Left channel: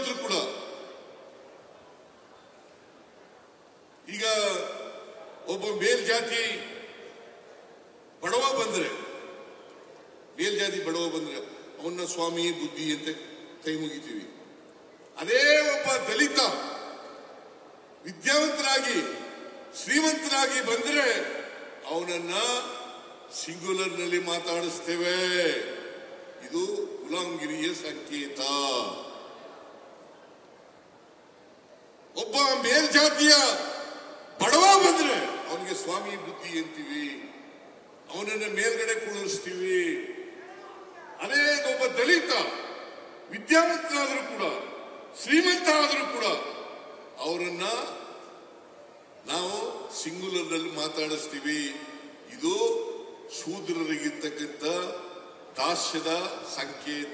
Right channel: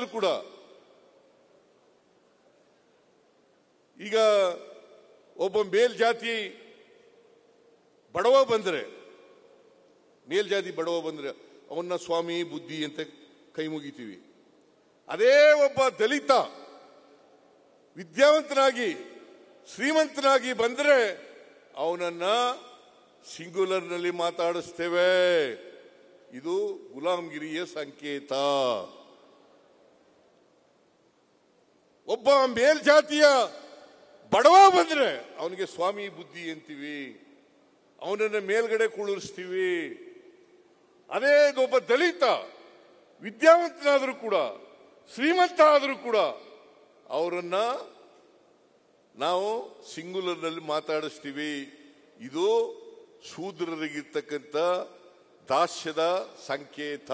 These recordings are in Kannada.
ಶ್ರೀಮಂತರು ಕೂಡ ಈಗ ಒಬ್ಬ ಮೇಲ್ಜಾತಿ ಬಡವ ಬಂದರೆ ಮೇಲ್ಜಾತಿ ಬಡವ ಬಂದರೆ ಅವನ್ನ ಸ್ವಾಮಿ ಬುದ್ಧಿ ಅಂತ ಕೈ ಮುಗಿತೀವಿ. ಅದೇ ಒಬ್ಬ ದಲಿತ ವಿದ್ಯಾವಂತನಾಗಿ ಶ್ರೀಮಂತನಾಗಿ ಬಂದರೆ ಅವನನ್ನ ಸಿಂಗುಲರ್ನಲ್ಲಿ ಮಾತಾಡಿಸ್ತೇವೆ. ಇದು ಗುಲಾಮಗಿರಿಯ ಸಂಕೇತ. ಒಬ್ಬ ಮೇಲ್ಜಾತಿಯ ಬಡವ ಬಂದರೆ ಅವನಿಗೆ ಸ್ವಾಮಿ ಬುದ್ಧಿ ಅಂತೀವಿ, ಅವನನ್ನ ಮೇಲ್ಗಡೆ ಕೂಡಿಸ್ತೀವಿ. ಅದೇ ಒಬ್ಬ ದಲಿತ ವಿದ್ಯಾವಂತನಾದರೂ ಕೂಡ ಶ್ರೀಮಂತ ಆದರೂ ಕೂಡ ಅವರನ್ನ ನಾವು ಸಿಂಗುಲರ್ನಲ್ಲಿ ಮಾತಾಡಿಸ್ತೀವಿ. ಇದು ಶೂದ್ರರಿಗಿರ್ತಕ್ಕಂಥ ದಾಸ್ಯದ ಸಂಕೇತ.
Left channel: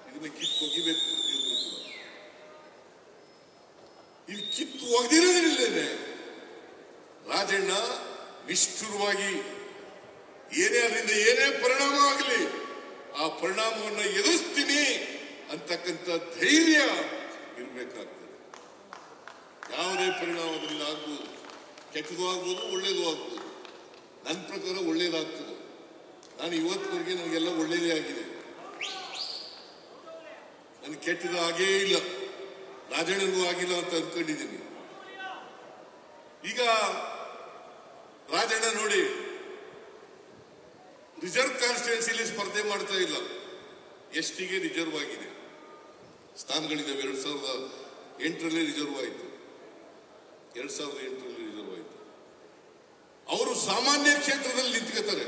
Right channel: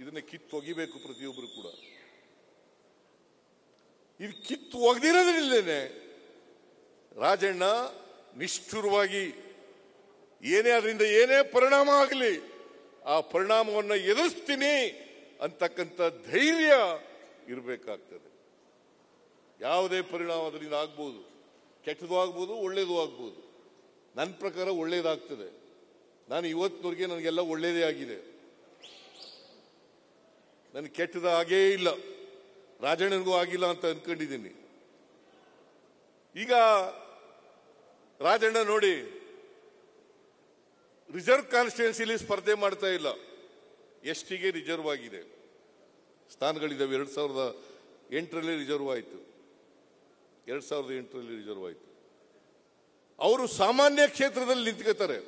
ಇದನ್ನ ಕಿತ್ತು ಒಗಿಬೇಕು ಪ್ರತಿಯೊಬ್ಬರು. ಇದು ಕಿತ್ತು ಒಗಿರಲಿಲ್ಲೇ ರಾಜಣ್ಣ ನಿಷ್ಠುರವಾಗಿ ಏನೇ ಅದರಿಂದ ಏನೇ ಪರಿಣಾಮ ಆಗಲಿ ಆ ಪರಿಣಾಮವನ್ನು ಎದುರಿಸ್ತೀನಿ ಅಂತಕ್ಕಂಥ ಧೈರ್ಯ ಇರಬೇಕಾಗ್ತದೆ. ಯಾವುದೇ ಪರಿಣಾಮದಿಂದ ಆಗ್ಬೋದು, ಕೆಟ್ಟಗೂ ಆಗ್ಬೋದು, ಒಳ್ಳೇದು ಆಗ್ಬೋದು. ನನ್ನ ಪ್ರಕಾರ ಒಳ್ಳೇದಾಗ್ತದೆ. ನಾನು ಇವತ್ತಿಗೆ ನನಗೆಲ್ಲ ಒಳ್ಳೇದೇ ಆಗಿದೆ, ನನಗೆ ಕೆಟ್ಟದ ಹಾಗೇ ಇಲ್ಲ, ರಾಜನಿಗೂ ಆಗಿಲ್ಲ ಅಂತ ಅಂದ್ಕೊಂಡಿದ್ದೀನಿ. ಈಗ ರಾಜಣ್ಣ ನೋಡಿ ರಿಸರ್ವ್ ಕಾನ್ಸ್ಟಿಟ್ಯೂನ್ಸಿ ಸ್ಪರ್ಧೆ ಮಾಡ್ತಾ ಇಲ್ಲ, ಎಸ್ಟಿಗೆ ರಿಸರ್ವ್ ಆಗಿದೆ. ಸ್ಥಾನಗಳಿದ್ದಾವೆ. 2008ರಲ್ಲಿ ರಿಸರ್ವ್ ಆಯಿತು, 2008ರಲ್ಲಿ ರಿಸರ್ವ್ ಆಯಿತು. ಅವರು ಸಾಮಾನ್ಯ ಕ್ಷೇತ್ರದಲ್ಲಿ ನಿಂತಿರ್ತಾರೆ.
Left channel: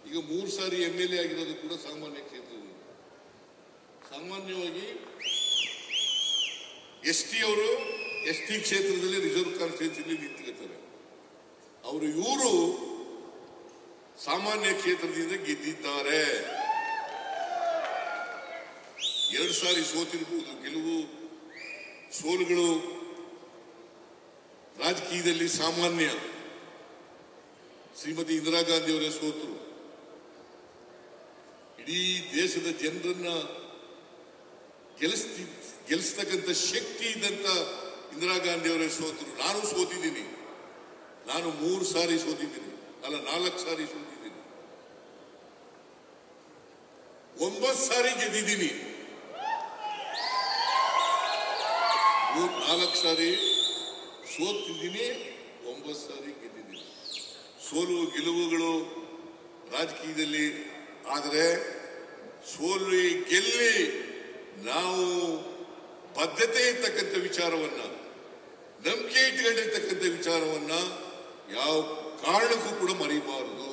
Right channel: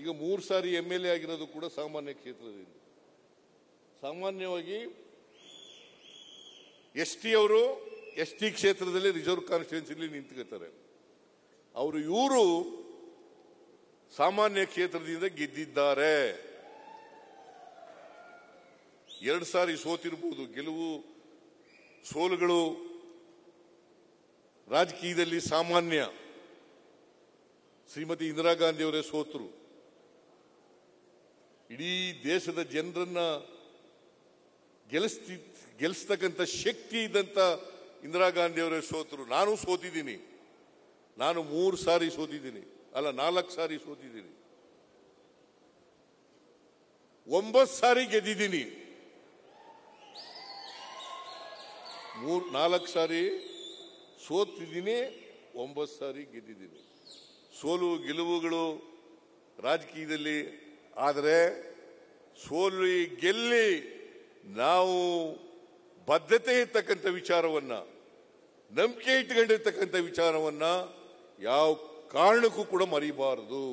ಈಗ 3 ಸಾರಿ MLA ಆಗಿರೋದು ಕೂಡ ಸಾಮಾನ್ಯ ಕ್ಷೇತ್ರದಲ್ಲಿ. ಸಾಮಾನ್ಯವಾಗಿ ಎಸ್ಟಿ ಅವರು ಎಸ್ಟಿ ಕ್ಷೇತ್ರದಲ್ಲಿ ರಿಸರ್ವ್ ಕಾನ್ಸ್ಟಿಟ್ಯೂನ್ಸಿ ನಿಂತಿರ್ತಾರೆ. ಇವರು ಸಾಮಾನ್ಯ ಕ್ಷೇತ್ರದಿಂದ ಗೆದ್ದಿದ್ದಾರೆ. 2 ಸಾರಿ ಸೋತಿರುವುದು, ಗೆಲುವು ಸೋಲುಗಳು ರಾಜಕೀಯದಲ್ಲಿ ಸಾಮಾನ್ಯ. ಶ್ರೀಮತಿ ಇಂದಿರಾ ಗಾಂಧಿ ಅವರೇ ಸೋತರು. ಇಡೀ ದೇಶದ ಜನರನ್ನ ಗೆಲ್ಲಿಸತಕ್ಕಂಥ ಶಕ್ತಿ ಇದ್ದಂತ ಇಂದಿರಾ ಗಾಂಧಿ ಅವರೇ ಸೋತರು. ನಾನು ಸೋತಿದ್ದೀನಿ. ನಾನು 3 ಸಾರಿ ಸೋತಿದ್ದೀನಿ, ಅಲ್ಲ 4 ಸಾರಿ ಸೋತಿದ್ದೀನಿ. 9 ಸಾರಿ ಗೆದ್ದಿದ್ದೀವಿ. 4 ಸಾರಿ ಸೋತಿದ್ದೀನಿ, 9 ಸಾರಿ ಗೆದ್ದಿದ್ದೀನಿ. ಸೋಲು ಗೆಲುವುಗಳು ರಾಜಕೀಯದಲ್ಲಿ. ಆದರೆ ಸೋಲು ಗೆಲ್ಲಿ ನಾವು ಬದ್ಧತೆ ಇರ್ತಕ್ಕಂಥ ವಿಚಾರವನ್ನ, ನಂಬಿಕೆ ಇಟ್ಟುಕೊಂಡಿರ್ತಕ್ಕಂಥ ವಿಚಾರವನ್ನ ಯಾವ ಕಾರಣಕ್ಕೂ ಕೂಡ ಮರೆಯಬಾರದು,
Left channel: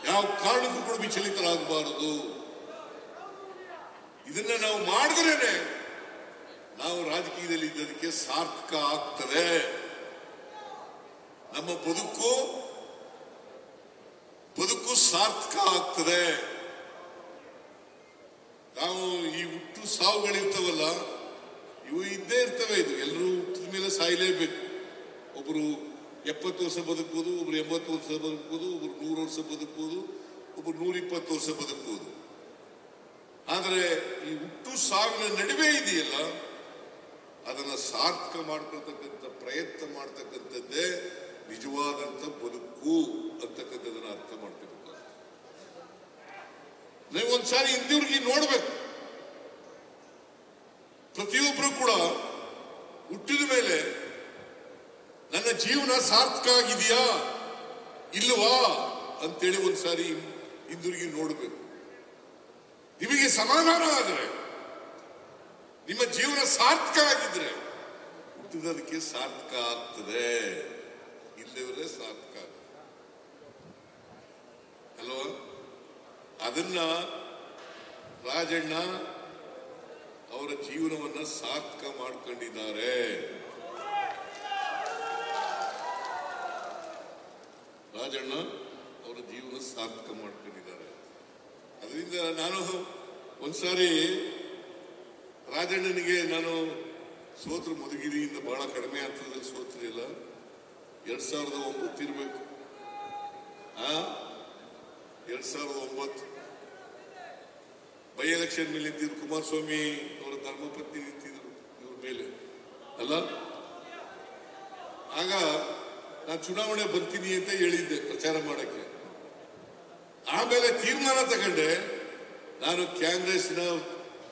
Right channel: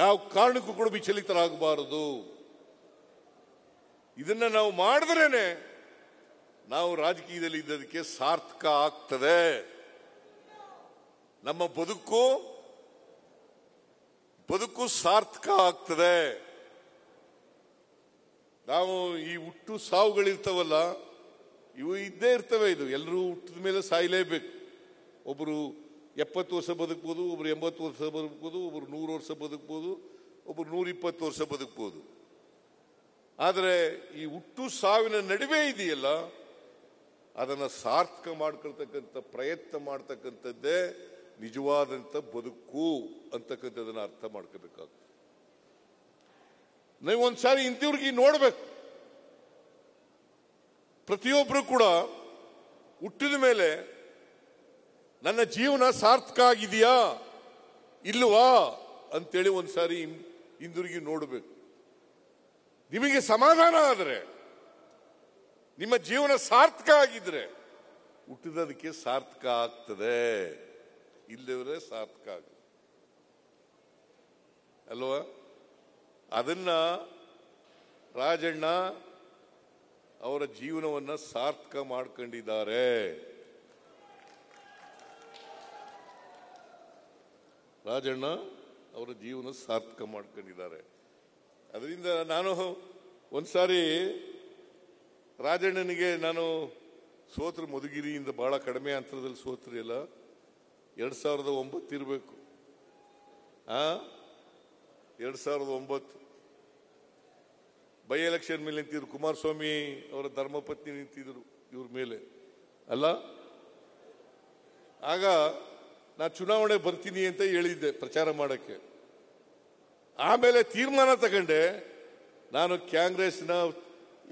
ಯಾವ ಕಾರಣಕ್ಕೂ ಕೂಡ ವಿಚಲಿತರಾಗಬಾರದು. ಇದನ್ನ ನಾವು ಮಾಡಿದ್ರೆ ನಾವು ರಾಜಕೀಯದಲ್ಲಿ ಇದಕ್ಕೆ ಸಾರ್ಥಕ ಆಗ್ತದೆ. ನಮ್ಮ ಬದುಕು ಸಾರ್ಥಕ ಆಗ್ತದೆ. ನಾವು ಈ ಹುಟ್ಟು ಸಾವುಗಳಿರ್ತವಲ್ಲ, ಇವು ಇದೇ ಇರ್ತವೆ. ಎಲ್ಲರೂ ಹುಟ್ಟಿದ ಮೇಲೆ ಸಾಯಲೇಬೇಕು. ಒಬ್ಬರು 70 ವರ್ಷ ಬದುಕಬಹುದು, ಒಬ್ರು 80 ವರ್ಷ ಬದುಕಬಹುದು, ಒಬ್ರು 100 ವರ್ಷ ಬದುಕಬಹುದು, ಒಬ್ರು 120 ವರ್ಷ ಬದುಕಬಹುದು. ಆದರೆ ಈ ಹುಟ್ಟು ಸಾವಿನ ನಡುವೆ ಇದೆಯಲ್ಲ, ಅದನ್ನು ಸಾರ್ಥಕ ಮಾಡತಕ್ಕಂಥ ಪ್ರಯತ್ನ ಮಾಡತಕ್ಕಂಥದ್ದೇ ನಿಜವಾದಂಥ ಬದುಕು ಅಂತಕ್ಕಂಥದ್ದನ್ನ ಅರ್ಥ ಮಾಡಬೇಕು. ನೀವು ಒಂದ್ಸಾರಿ ಇದ್ದೀವಿ ನೋಡ್ಬೇಕು. ಪ್ರತಿಯೊಬ್ಬರು ಕೂಡ ಹುಟ್ಟಿದ ಮೇಲೆ ನನ್ನ ಜೀವನ ಸಾರ್ಥಕ ಆಗಿದೆಯಾ ಇಲ್ವಾ ಅಂತೇಳಿ ಒಂದ್ಸಾರಿ ಹಿಂದಿರುಗಿ ನೋಡಬೇಕು. ನಿಮಗೆ ಸಮಾಧಾನ ಆದರೆ, ನಿಮ್ಮ ಜೀವನ ಸಾರ್ಥಕ ಆಗಿದ್ರೆ ಹುಟ್ಟಿದದಕ್ಕೆ ಸಾರ್ಥಕ ಆಗ್ತದೆ, ಇಲ್ಲದ್ರೆ ಸಾರ್ಥಕ ಅಲ್ವಾ? ಅದನ್ನ ರಾಜಣ್ಣ ಅವರ ಜೀವನವನ್ನು ಸಾರ್ಥಕ ಮಾಡ್ಕೊಂಡಿದ್ದಾರೆ. ರಾಜಣ್ಣ ಅವರ ಜೀವನ ಸಾರ್ಥಕ ಮಾಡ್ಕೊಂಡಿದ್ದಾರೆ. ಅದರಿಂದ ನಾನು ಒಂದ್ಸಾರಿ ರಾಜಣ್ಣನಿಗೆ ನಾನು ಸೋತ್ರ ಮಧುಗಿರಿಯಿಂದ ಬಹಳ ಕಡಿಮೆ ಆಗ್ತದೆ, ಸೋತ್ರಿಲ್ಲ 2009 ಇರಬೇಕು. 2009 ಬೈ ಎಲೆಕ್ಷನ್ ನಿಂತಿದ್ರು ಕುಮಾರಸ್ವಾಮಿ ಅವರ ಧರ್ಮಪತ್ನಿ ನಿಂತಿದ್ರು ಇವ್ರ ಮೇಲೆ ಅಲ್ಲ. ಆಗ ನಾನು ಚುನಾವಣೆ ಬರ್ತೀನಿ ಅಂತ ಹೇಳಿದ್ದೆ ಪ್ರಚಾರ ಮಾಡಕ್ಕೆ. ಆಮೇಲೆ ತೀರ್ಮಾನ ತಗೊಂಡೆ, ನಾನು ಕಾಂಗ್ರೆಸ್ನ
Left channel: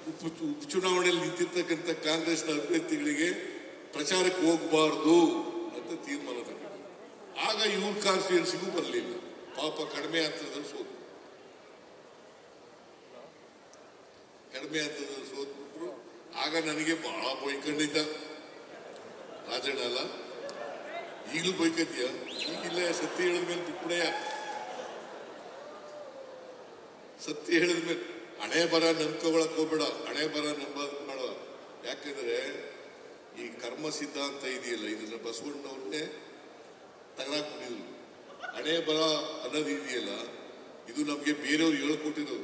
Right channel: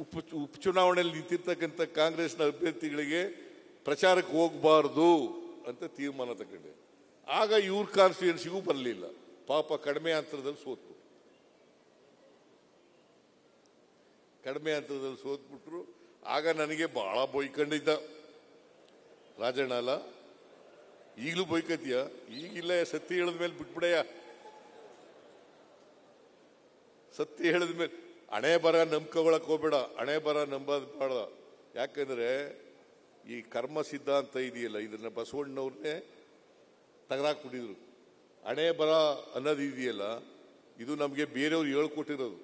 ಉಪಚುನಾವಣೆಯಲ್ಲಿ ನಿಂತಿರ್ತಕ್ಕಂಥ ಕಾಂಗ್ರೆಸ್ನ ಅಭ್ಯರ್ಥಿಗಳಿಗೆ ಪ್ರಚಾರಕ್ಕೆ ಹೋಗಬಾರದು ಅಂತ ತೀರ್ಮಾನ ತಗೊಂಡೆ. ಆಗ ಇವ್ರ ಕಾಂಗ್ರೆಸ್ ಬರಲಿಲ್ಲ, ಪಾಪ ಕಡಿಮೆ ಆಗ್ತದೆ ಸೋತು, ಕಡಿಮೆ ಆಗ್ತದೆ ಸೋತ್ಬಿಟ್ರು. ಆಗ ನನಗೆ ಬಹಳ ಬೈಕಲ್ಲಿದ್ದ ರಾಜನಾಲ, ಈಗಲೂ ಬೈಕದ್ಯ, ಈಗಿಲ್ಲ ಸತ್ಯ ಹೇಳಿದ್ಮೇಲೆ ಬಿಡಯ, ಸತ್ಯ ಹೇಳಿದ್ಮೇಲೆ ಹಣೆ ಬರ ನಂಬ್ಕೊಳಕ್ ಹೋಗ್ಬೇಡ, ಹಣೆ ಬರ ನಂಬಬೇಡ. ಯಾಕಂದ್ರೆ ಈ ಕರ್ಮ ಸಿದ್ಧಾಂತ ಇದೆಯಲ್ಲ, ಇದನ್ನ ಬಸವಣ್ಣವ್ರೆ ತಗಲಾಕ್ತಿದ್ರು. ಹಣೆ ಬರ ಅನ್ನೋದು ಇದೆಯಲ್ಲ, ಇದು ನಮ್ಗೆ ಬೇರೆಯವರು ಹೇಳ್ಕೊಟ್ಟಿರೋದು.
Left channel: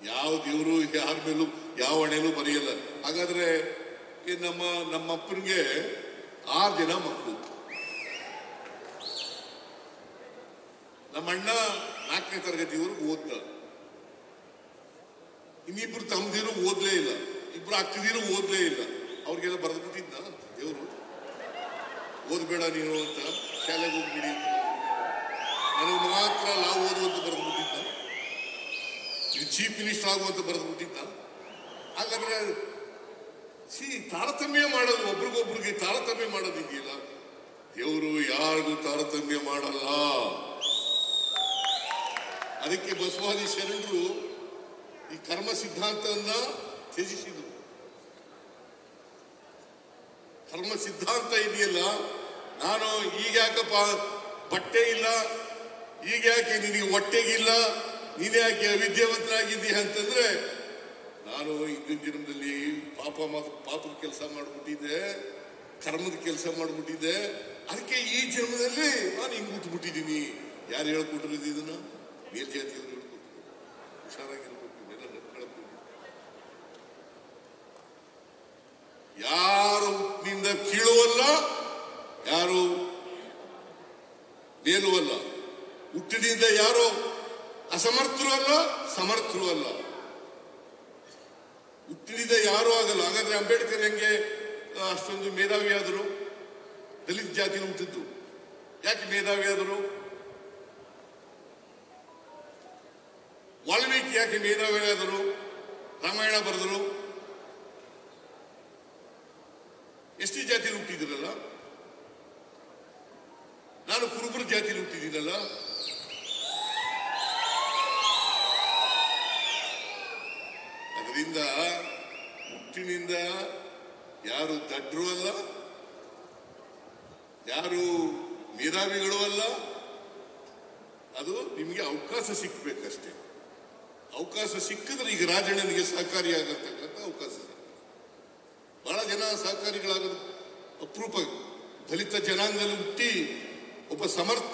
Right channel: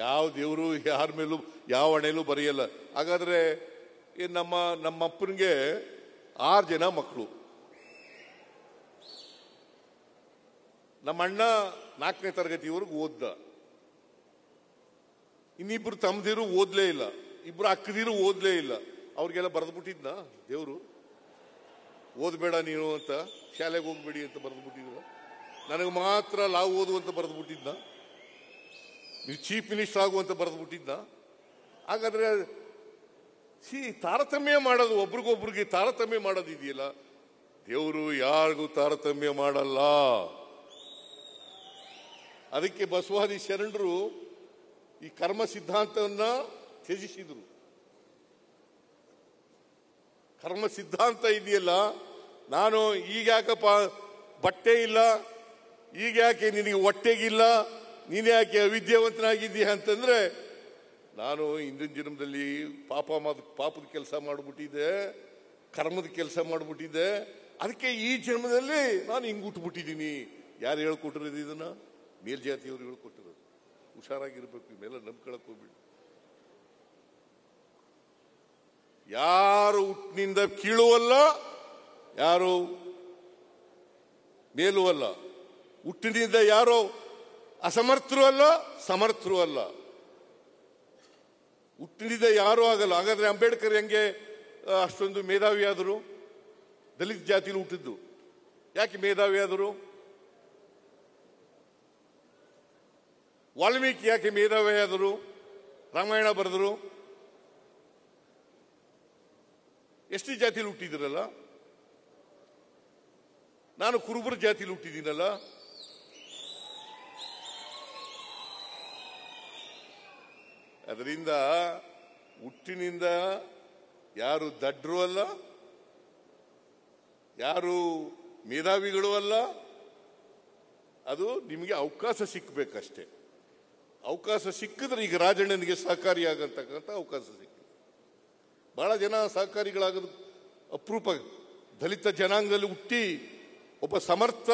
ಯಾವ ದೇವರು ಯಾರ ಮೇಲೂ ಯಾವ ಹಣೆಗೂ ಬರೆಯಲ್ಲ. ಹಾಗಾದ್ರೆ ನಮ್ಮ ಅಪ್ಪನಿಗೆ 6 ಜನ ಮಕ್ಕಳು, ನಮ್ಮ ಅಣ್ಣ 4ನೇ ತರಗತಿವರೆಗೂ ಓದ್ತ, ಇನ್ನಿಬ್ರು ತಮ್ಮದಿರು ಓದಲೇ ಇಲ್ಲ, ಇಬ್ರು ಅಕ್ಕದಿರು ಓದಲೇ ಇಲ್ಲ. ಅವ್ರಿಗೆಲ್ಲ ಬರೆದಿದ್ದ ದೇವರು ಓದ್ಬೇಡ ನೀವು ಅಂತ ಶಾಲೆಗೆ ಹೋಗ್ಬಿಡಿ, ನನಗೆ ಮಾತ್ರ ನಾವು ಓದೋದು ಬರೆದಿದ್ದ, ಚೀಫ್ ಮಿನಿಸ್ಟರ್ ಆಗುವಂತ ಬರೆದಿದ್ದ. ಹಾಗಾದ್ರೆ ತಾರತಮ್ಯ ಮಾಡೋದು, ಒಬ್ರಿಗೊಬ್ರಿಗೆ ತಾರತಮ್ಯ ಮಾಡೋದಿದೆಯಲ್ಲ, ದೇವರು ಯಾರು ತಾರತಮ್ಯ ಮಾಡಲ್ಲ. ಅದಕ್ಕೆ ಬಸವಾದಿ ಶರಣರು ಈ ಕರ್ಮ ಸಿದ್ಧಾಂತವನ್ನ ತ್ಯಜಿಸಿದರು. ಕರ್ಮ ಸಿದ್ಧಾಂತ ಇದೆಯಲ್ಲ, ನಾನು ಈಗ ಯಾಕಪ್ಪ ಬಟ್ಟೆ ಇಲ್ಲ, ಈಗ ಯಾಕೆ ನೀನು ಹೊಟ್ಟೆ ಇಲ್ಲ, ನೀನ್ ಯಾಕೆ ವಿದ್ಯಾವಂತನಾಗಿದ್ದೀಯ ಅಂತಂದ್ರೆ, ನಾನು ಹಿಂದಿನ ಜನ್ಮದಲ್ಲಿ ಪಾಪದ ಕೆಲಸ ಮಾಡಿಬಿಟ್ಟಿದ್ದೆ, ಕರ್ಮದ ಕೆಲಸ ಮಾಡಿಬಿಟ್ಟಿದ್ದೆ, ಅದಕ್ಕೆ ಈ ಜನ್ಮದಲ್ಲಿ ನಾನು ಈಗ ಹುಟ್ಟುಬಿಟ್ಟಿದ್ದೀನಿ. ಯಾರು ಹೇಳ್ಬಿಟ್ಟಿಲ್ಲ ಇದನ್ನ, ಮೇಲ್ಜಾತಿಯವರು ಹುಷಾರಾಗಿದ್ರು, ಯಾರು ನಿಂದ ಕೀಳುವಲ್ಲ, ಯಾರು ಮೇಲೂ ಅಲ್ಲ, ಹುಟ್ಟಿನಿಂದ ಯಾರು ಅಸಮರ್ಥರು ಅಲ್ಲ, ಸಮರ್ಥರು ಅಲ್ಲ, ಹುಟ್ಟಿನಿಂದ ಯಾರು ಆಗಲ್ಲ. ಹಾಗಾದ್ರೆ ಅಂಬೇಡ್ಕರ್ ಹೆಂಗೆ ಅಷ್ಟೊಂದು ಮೇಧಾವಿ ಆದರು? ದಲಿತ ಜಾತಿ ಹುಟ್ಟಿದ್ರು, ಯಾಕೆ ಮೇಧಾವಿ ಆದರು? ವಾಲ್ಮೀಕಿ ಯಾಕೆ ಮೇಧಾವಿ ಆದರು? ರಾಮಾಯಣ ಬರೆದರು. ಎಷ್ಟು ಜಾತಿ ಹುಟ್ಟಿದ್ರಲ್ಲ, ನಾನು ಕುರುಬರ ಜಾತಿ ಹುಟ್ಟಿದ್ದಲ್ಲ. ಅದರಿಂದ ಹುಟ್ಟಿನಿಂದ ಯಾರು ದಡ್ರು ಅಲ್ಲ, ಯಾರು ಮೇಧಾವಿಗಳು ಅಲ್ಲ. ಅದು ನಿಮಗೆ ಅವಕಾಶ ಸಿಗ್ಬೇಕಷ್ಟೇ. ಅವಕಾಶ ಸಿಕ್ಕಿದ್ರೆ ಈಗ ರಾಜಕೀಯಕ್ಕೆ ಸಹಕಾರಿಯಾಗಿರ್ತಕ್ಕಂಥ ಅವಕಾಶ. ಬಹಳ ಜನ ಸಹಕಾರಿಗಳಾಗ ಅಪರೂಪ. ದಲಿತ ಜನಾಂಗದಲ್ಲಿ ಹುಟ್ಟಿ ಒಬ್ಬ ಸಮರ್ಥ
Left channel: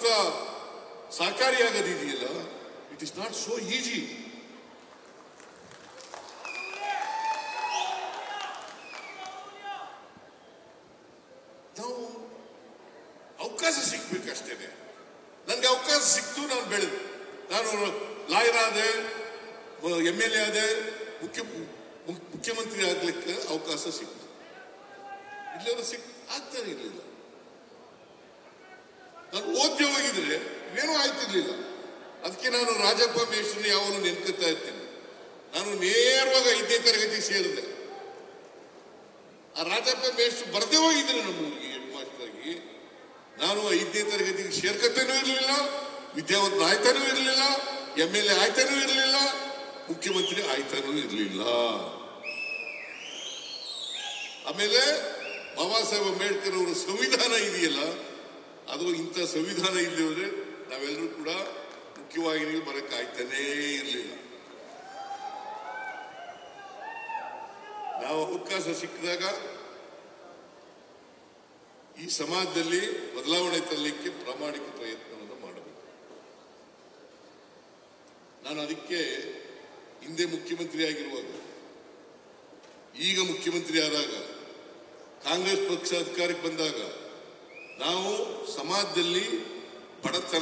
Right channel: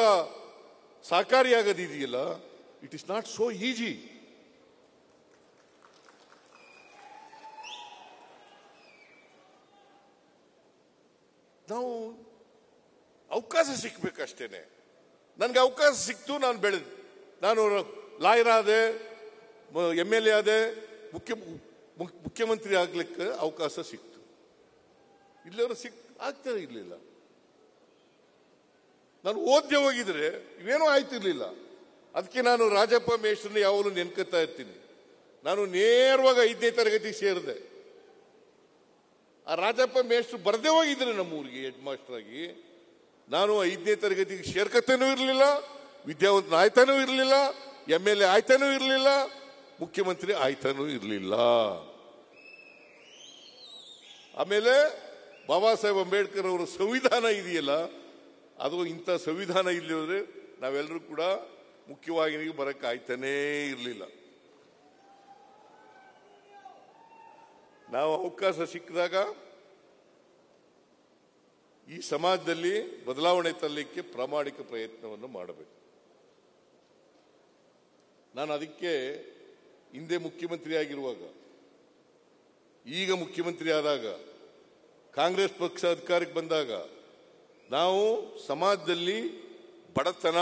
ಸಹಕಾರಿಯಾಗೋದಿಲ್ಲ. It is not so easy. ನಾವು ಅವಕಾಶ ಸಿಗ್ಬೇಕಷ್ಟೇ. ನನಗೆ ಅವಕಾಶ ಸಿಕ್ತು, ನಾನು ಬೆಳೆದು, ನಾನು ಲಾಯರ್ ಆದೆ, MLA ಆದೆ, ಮುಖ್ಯಮಂತ್ರಿ ಆಗಲಿಕ್ಕೆ ಅವಕಾಶ ಸಿಕ್ತು. ಆಗ್ತದೆ ಇಲ್ಲ. ನಾನು ಓದ್ದೆ ಹೋಗಿದ್ರೆ ಏನೂ ಆಯ್ತಿರ್ಲಿಲ್ಲ. ಅದಕ್ಕೆ ನಾನು ರಾಜಪ್ಪ ಮೇಷ್ಟ್ರು ಯಾವಾಗ ನೆನಪಿಸ್ತಾ ಇರ್ತೀನಿ. ನಾನು ನೇರವಾಗಿ 5ನೇ ತರಗತಿ ಸೇರಿದೆ. ಆ ರಾಜಪ್ಪ ಮೇಷ್ಟ್ರು ಬರದೇ ಹೋಗಿದ್ದೆ ನಮಗೆ ಹೆಡ್ ಮಾಸ್ಟರ್. ನಾನು 5ನೇ ತರಗತಿ ಸೇರ್ಕತ್ತೇನೂ ಇರಲಿಲ್ಲ, ವಿದ್ಯಾವಂತ ಆಯ್ತಾನೂ ಇರಲಿಲ್ಲ, MLA ಆಯ್ತಾನೂ ಇರಲಿಲ್ಲ, ಮುಖ್ಯಮಂತ್ರಿ ಆಯ್ತಾನೂ ಇರಲಿಲ್ಲ. ಆಮೇಲೆ ಬಾಬಾ ಸಾಹೇಬ್ ಅಂಬೇಡ್ಕರ್ ಅವರು ಸಂವಿಧಾನ ಇದೆಯಲ್ಲ, ಅದು ಇಂಥ ಸಂವಿಧಾನ ಇರೋದ್ರೆ ನಾವೆಲ್ಲರೂ ಕೂಡ ಮುಖ್ಯವಾಗಿ ಬರಕ್ಕೆ ಆಗ್ತಾನೇ ಇರಲಿಲ್ಲ. ನಾವು ಅವಕಾಶ ಸಿಕ್ಕಿದಾಗ ಈ ಸಮಾಜದಲ್ಲಿ ಬದಲಾವಣೆ ತರಲಿಕ್ಕೆ ಪ್ರಾಮಾಣಿಕ ಪ್ರಯತ್ನವನ್ನು ಮಾಡಬೇಕು. ನಾನು ಅದಕ್ಕೆ ಹಿಂದೆ ಮುಖ್ಯಮಂತ್ರಿ ಆಗಿರುವಾಗ, ಈಗ ಮುಖ್ಯಮಂತ್ರಿ ಆದಾಗ, ಕಾಂಗ್ರೆಸ್ ಪಕ್ಷ ಅಧಿಕಾರಕ್ಕೆ ಬಂದಾಗ ನಾವು ಸಮಾಜದಲ್ಲಿ ಬಡತನ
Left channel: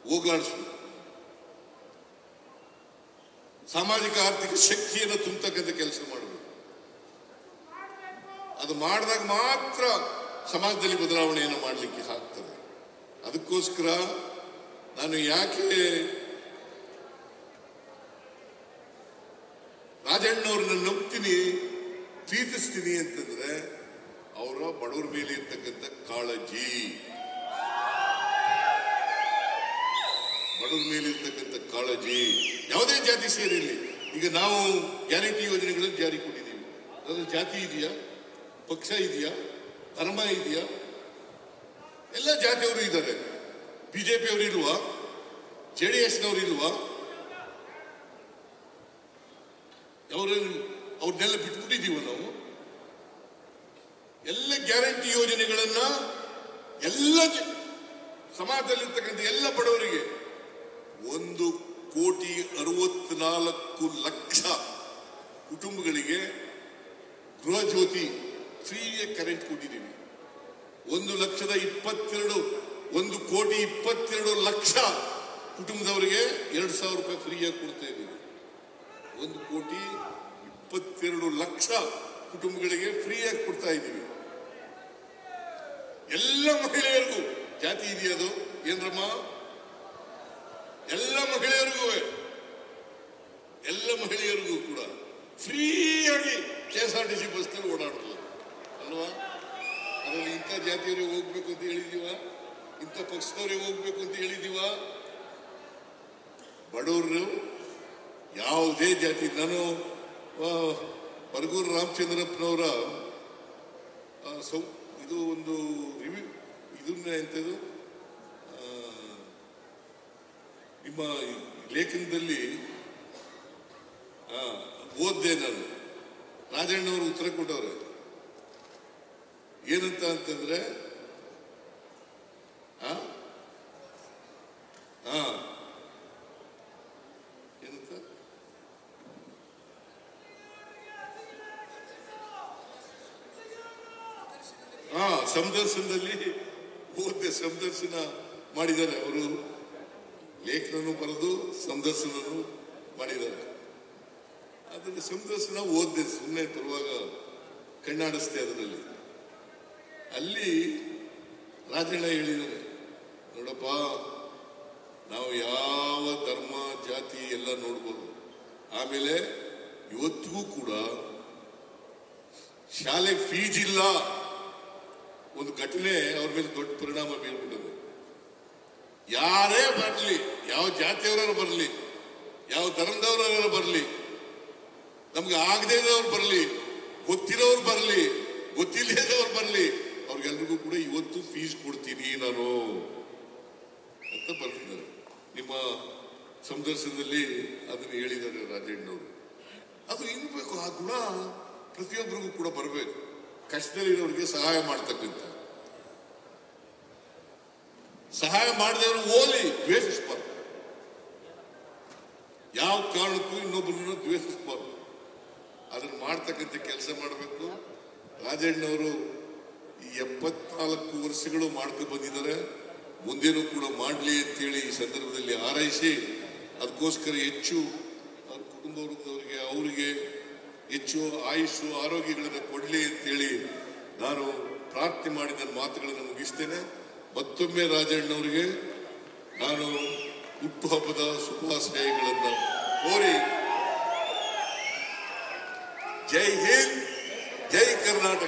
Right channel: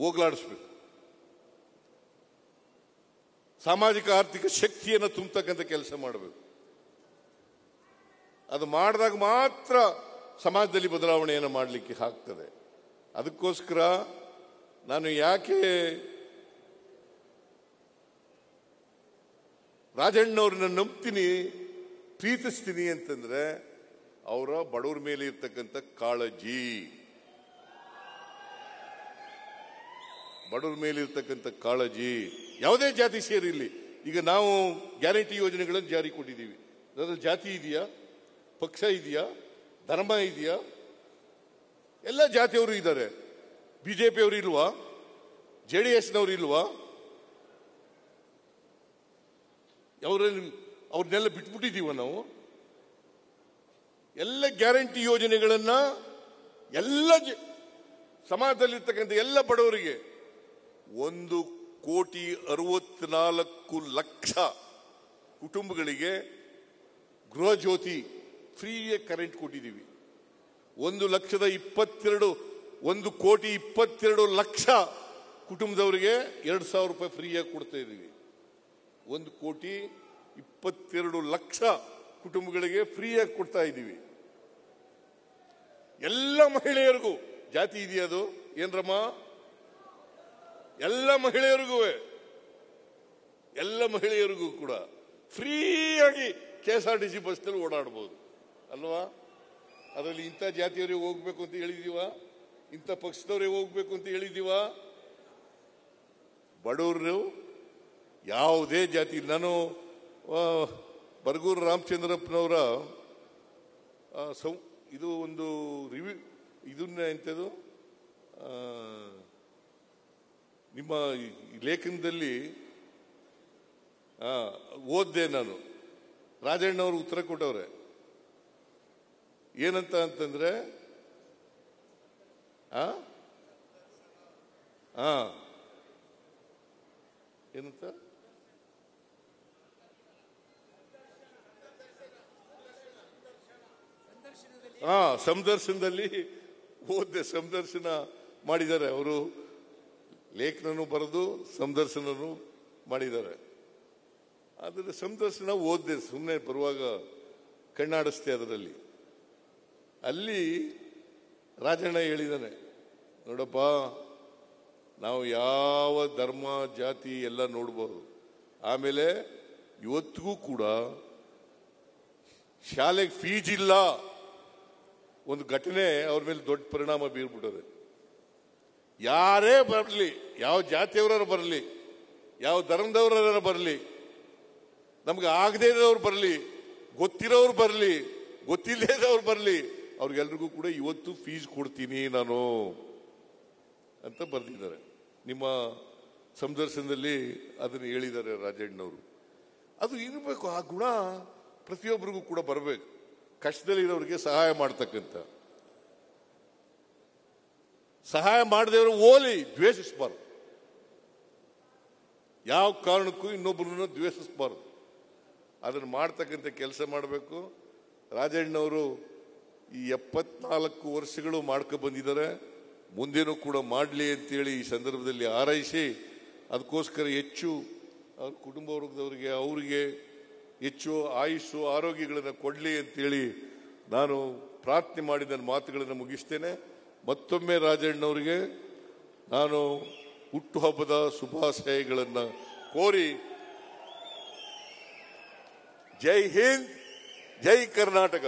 ಹೋಗಲಾಡಿಸು, ಸಾಮಾಜಿಕ ಆರ್ಥಿಕ ಶಕ್ತಿಯನ್ನು ತುಂಬತಕ್ಕಂಥ ಕೆಲಸ ಮಾಡಬೇಕು. ಅದು ಮಾಡಿದಾಗ ಮಾತ್ರ ಸಮಾಜದಲ್ಲಿ ಬದಲಾವಣೆಯನ್ನು ಮಾಡಲಿಕ್ಕೆ ಆಗ್ತದೆ. ಅದಕ್ಕೋಸ್ಕರ ನಾನು ಯಾಕೆ ರಾಜಣ್ಣವ್ರನ್ನ ನಂಬ್ತೀನಿ, ಪ್ರೀತಿಸ್ತೀನಿ ಅಂತಂದ್ರೆ ಅವರ ಬಡವರ ಮೇಲೆ ಇರ್ತಕ್ಕಂಥ ಕಾಳಜಿ, ಬಡವರ ಮೇಲೆ ಇರ್ತಕ್ಕಂಥ ಕಾಳಜಿ ಯಾವುದೇ ಜಾತಿ ಸೇರಿರಲಿ. ಈಗ ನಾವು ಗ್ಯಾರಂಟಿ ಯೋಜನೆಗಳನ್ನು ಜಾರಿ ಕೊಟ್ಟಿದ್ದೀವಿ. ಅದರ ಜಾತಿ ಇದೆಯಾ, ಪಕ್ಷ ಇದೆಯಾ, ಧರ್ಮ ಇದೆಯಾ? ಎಲ್ಲ ಜಾತಿಯವರು ಇದ್ದಾರೆ. ಬಿಜೆಪಿ ಅವರಿಲ್ವಾ, JDS ಅವರಿಲ್ವಾ? ಅವ್ರನ್ನೆಲ್ಲ ಬಿಟ್ಟಿದ್ದೀವ ನಾವು. ಎಲ್ಲ ಗ್ಯಾರಂಟಿ ಯೋಜನೆಗಳನ್ನ ಎಲ್ಲ ಸಮಾಜದಲ್ಲಿರ್ತಕ್ಕಂಥ ಎಲ್ಲ ಬಡವರಿಗೆ 1,64,00,000 ಕುಟುಂಬಗಳಿಗೆ ಗೃಹ ಜ್ಯೋತಿ ಫ್ರೀಯಾಗಿ ಕರೆಂಟ್ ಕೊಟ್ಟಿದ್ದೀವಿ. 1,22,00,000 ಕುಟುಂಬದವರಿಗೆ 2,000 ರೂಪಾಯಿ ಫ್ರೀಯಾಗಿ ಕೊಡ್ತಾ ಇದ್ದೀವಿ. 1,22,00,000 ಕುಟುಂಬಗಳಿಗೆ ಫ್ರೀಯಾಗಿ ಕೊಡ್ತಾ ಇದ್ದೀವಿ. ಎಲ್ಲ ಮಹಿಳೆಯರು, ಜಾತಿ ಇದೆಯದು ಏನಮ್ಮ, ಎಲ್ಲ ಮಹಿಳೆಯರಿಗೂ ಕೂಡ ಫ್ರೀಯಾಗಿ KSRTC ಬಸ್ ಓಡಾಡ್ಬೋದು ಅಲ್ವಾ? ಅದನ್ನು ಇಂಥ ಜಾತಿಗೆ ಹೋಗ್ಬೇಕು ಅಂತ ಹೇಳಿದೀವ, ಇಂಥ ಪಕ್ಷದವರಿಗೆ ಹೋಗ್ಬೇಕು ಅಂತ ಹೇಳಿದೀವ. ಬಡವರು ಯಾವುದೇ ಜಾತಿ, ನಾನು ಬರಗೂರು ರಾಮಚಂದ್ರಪ್ಪನವರ ಇದು ಒಂದು ನಿಮ್ಮ ಲೇಖನದಲ್ಲಿ ಓದಿದೆ ನಾನು. ರಾಜಣ್ಣವರು ಉತ್ತರ ಕೊಟ್ಟವ್ರೆ ಏನಂತ ಅಂತಂದ್ರೆ, ಏನಂತ ಸಂದರ್ಶನದಲ್ಲಿ ಓದಿದೆ. ಸಂದರ್ಶನ ಮಾಡಿದ್ದಾರೆ ಅವರು, ಲೇಖನರು ಬರೆದು ಸಂದರ್ಶನರು ಮಾಡಿದ್ದಾರೆ. ಅದರ ಸಂದರ್ಶನ ಓದಿದೆ, ಸುಮ್ಮನೆ ಬರುವಾಗ ಕಣ್ಣಾಡಿಸ್ತೆ. ಅದರಲ್ಲಿ ಅಲ್ಲಿ ರಾಜಣ್ಣ ಹೇಳಿದ್ದಾನೆ, ನೋಡಪ್ಪ, ನಾವು ಯಾವ ಧರ್ಮ ಜಾತಿ ಎಲ್ಲ ನೋಡ್ಬೋದು. ಆಮೇಲೆ ಇವತ್ತಿಗೂ ಕೂಡ ಶಾಲೆ ಫೀಸ್ ಇಲ್ಲ. ಒಂದು ಘಟನೆ ಅವ್ರ ಮೇಲೆ ದೊಡ್ಡ ಪರಿಣಾಮ ಬೀರುತ್ತದೆ. ಯಾರೇ ಬರಲಿ, ಯಾವ ಜಾತಿಯವರ ಬರಲಿ, ಯಾವ ಧರ್ಮದವರ ಬರಲಿ, ನಮ್ಗೆ ಆಗದೇ ಇರೋರು ಬರಲಿ, ಗೊತ್ತಿರೋರು ಬರಲಿ, ಗೊತ್ತಿಲ್ಲದೆ ಇರೋರು ಬರಲಿ, ಅವ್ರಿಗೆಲ್ಲರಿಗೂ ಕೂಡ ಇವತ್ತು ಫೀಸ್ ಕೊಡ್ತೀನಿ ನಾನು ಅಂತ ಬರ್ತಿದ್ದಾರೆ. ನಿಮ್ಮ ಸಂದರ್ಶನದಲ್ಲಿ ಅದನ್ನು ಹೇಳಿದ್ದಾರೆ ರಾಜಣ್ಣವರು. ಅದು ಇರಬೇಕು. ಆ ಗುಣ ಪ್ರತಿಯೊಬ್ಬರಿಗೂ ಕೂಡ ಬರಬೇಕು. ಕಷ್ಟದಲ್ಲಿರೋರಿಗೆ ಸಹಾಯ ಮಾಡ್ತಕ್ಕಂಥ, ಸಹಾಯ ಮಾಡಿದವರು ಓದಿ ದ್ವೇಷಿಸಬಾರದು. ಯಾವ ಕಾರಣಕ್ಕೂ ಇನ್ನೊಬ್ಬರನ್ನು ದ್ವೇಷಿಸಬಾರದು. ಅದನ್ನು ಮಾಡ್ತಕ್ಕಂಥ ಕೆಲಸ ಮಾಡಬೇಕು. ರಾಜಣ್ಣವರು ಈ 74 ವರ್ಷಗಳು ಮಾಡ್ಕೊಂಡು ಬಂದಿದ್ದಾರೆ. ಮುಂದೆನೂ ಕೂಡ ಮಾಡಲಿ ಅಂತೇಳಿ ಈ ಸಂದರ್ಭದಲ್ಲಿ ಹಾರೈಸಿ, ಅದಕ್ಕೋಸ್ಕರ ಹೆಚ್ಚು ಕುಟುಂಬದವರಿಗೆ ಅವರಿಗೆ ಹೆಚ್ಚು ಆಯುಷು ಆರೋಗ್ಯಗಳನ್ನು ಕೊಡಲಿ ಅಂತೇಳಿ ನಾನು ಪ್ರಾರ್ಥನೆ ಮಾಡಿ ನನ್ನ ಮಾತುಗಳನ್ನು ಮುಗಿಸ್ತೇನೆ. ಮತ್ತೊಮ್ಮೆ ರಾಜಣ್ಣವರಿಗೆ ನಾನು ಹುಟ್ಟುಹಬ್ಬದ ಶುಭಾಶಯಗಳನ್ನು ಕೋರಿ, ಜೈ ಹಿಂದ್, ಜೈ ಕರ್ನಾಟಕ.